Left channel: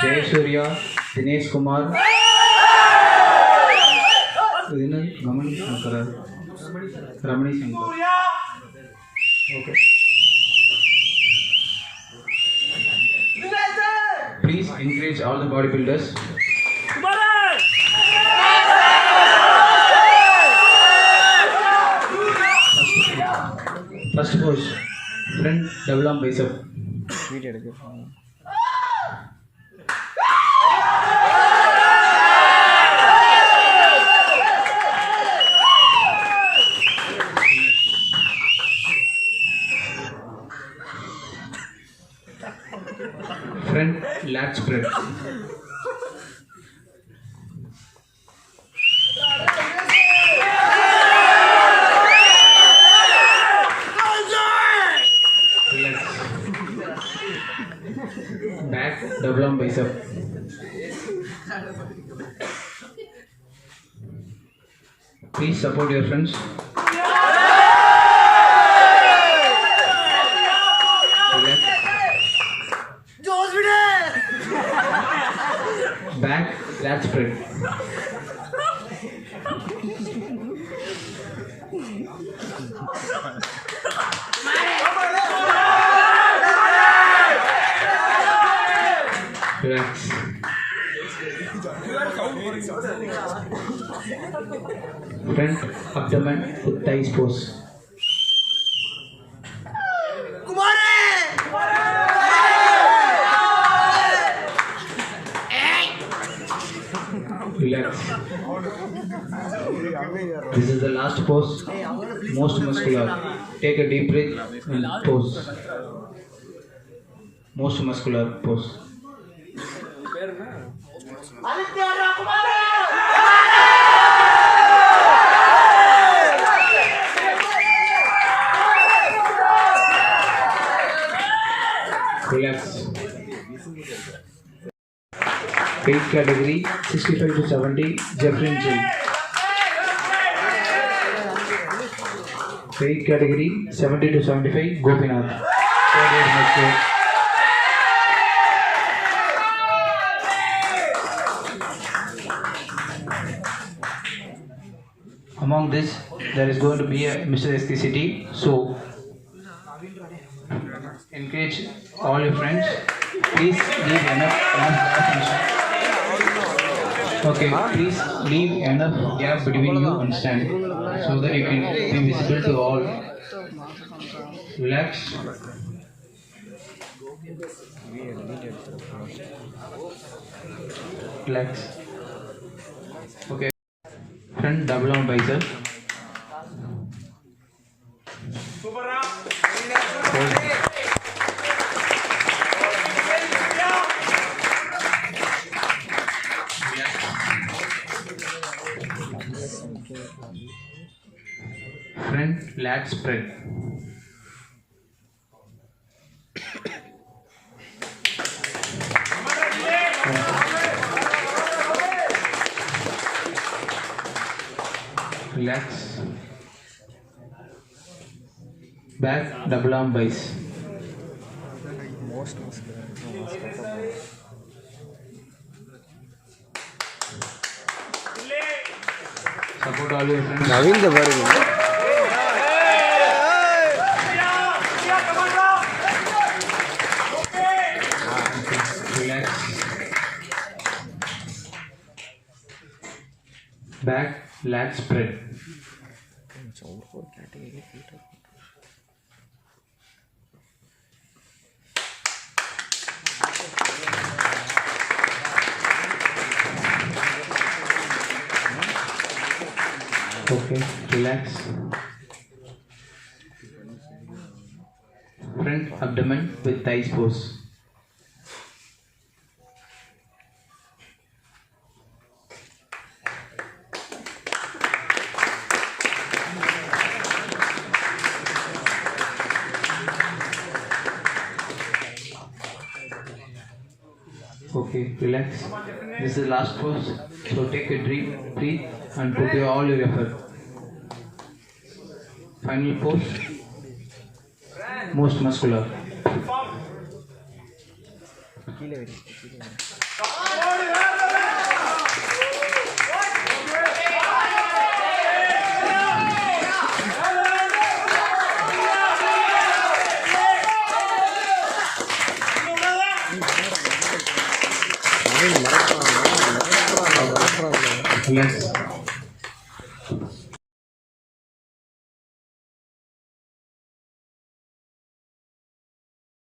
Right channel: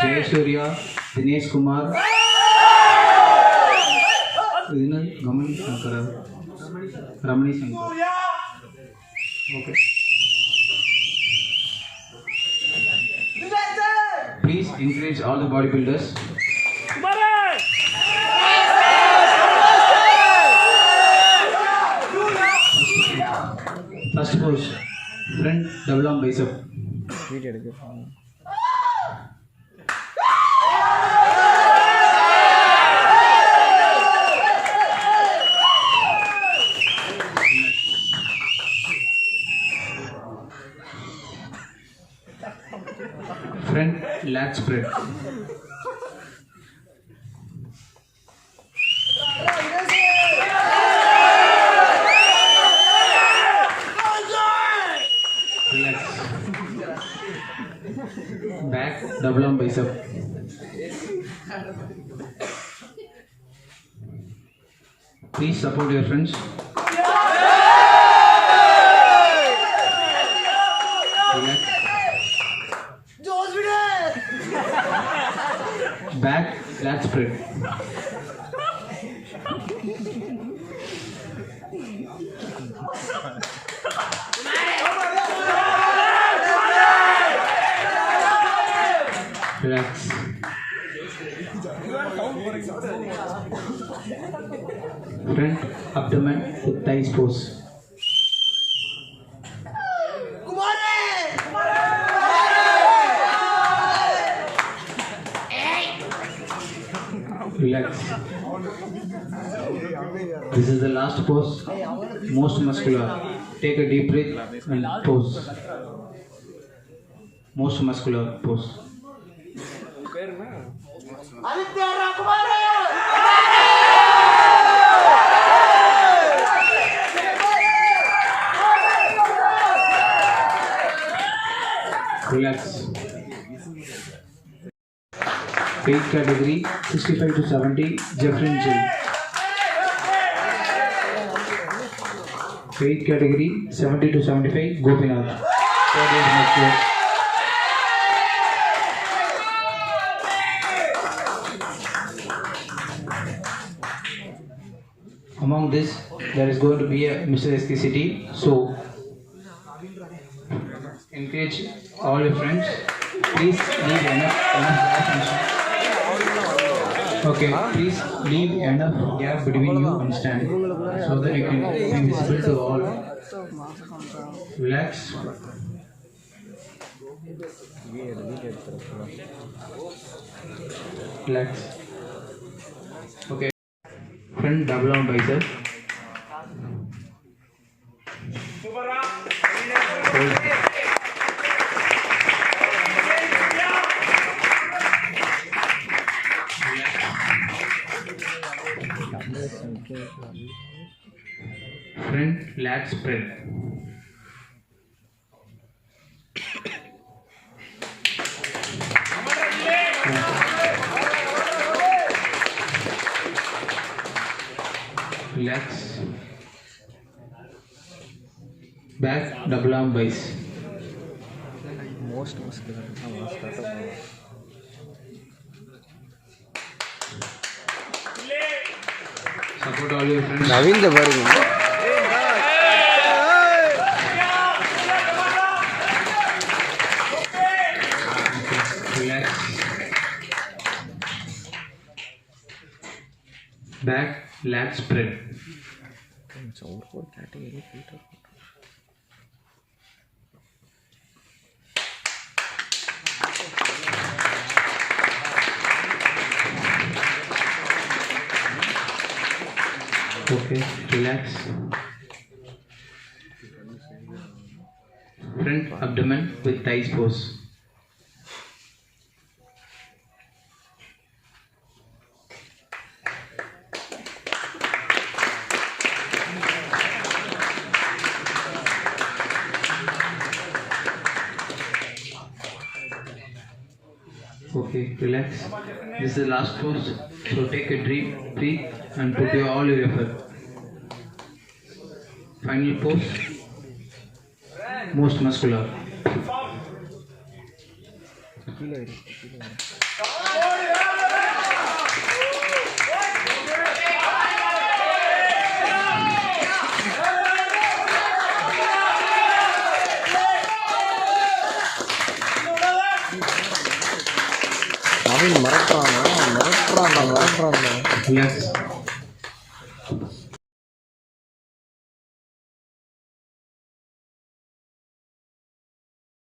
Jayasuriya, Dinesh Kumar, Ramani Shankar. Okay. Please encourage all the bodybuilders. First pose, front double arm bicep. Front lat spread. Relax. Back double arm bicep. Please support your friends. Relax. Back lat spread. Relax. Front abdomen with thighs pose. Relax. This is the last pose, most muscular. Take a deep breath and pose. Most muscular pose. Relax. Weight category 65 to 70, Jeffrey J. Weight category 70 to 75, Gopinath. Among this, there is going to be a Mr.SKCT. So, encourage all your friends. Please leave enough gap. Okay, please leave enough gap between you and stand, so that you can be visible to all. Relax. Relax. Okay. Front double arm bicep. Hold. Front lat spread. Relax. Back double arm biceps. Support all your friends. Naveen the Vargu. Relax. Back lat spread. Okay, relax. Front abdomen with thighs pose. Okay, relax. This is the last pose. So take a deep breath and put all your effort. Final pose. Most muscular. Yes.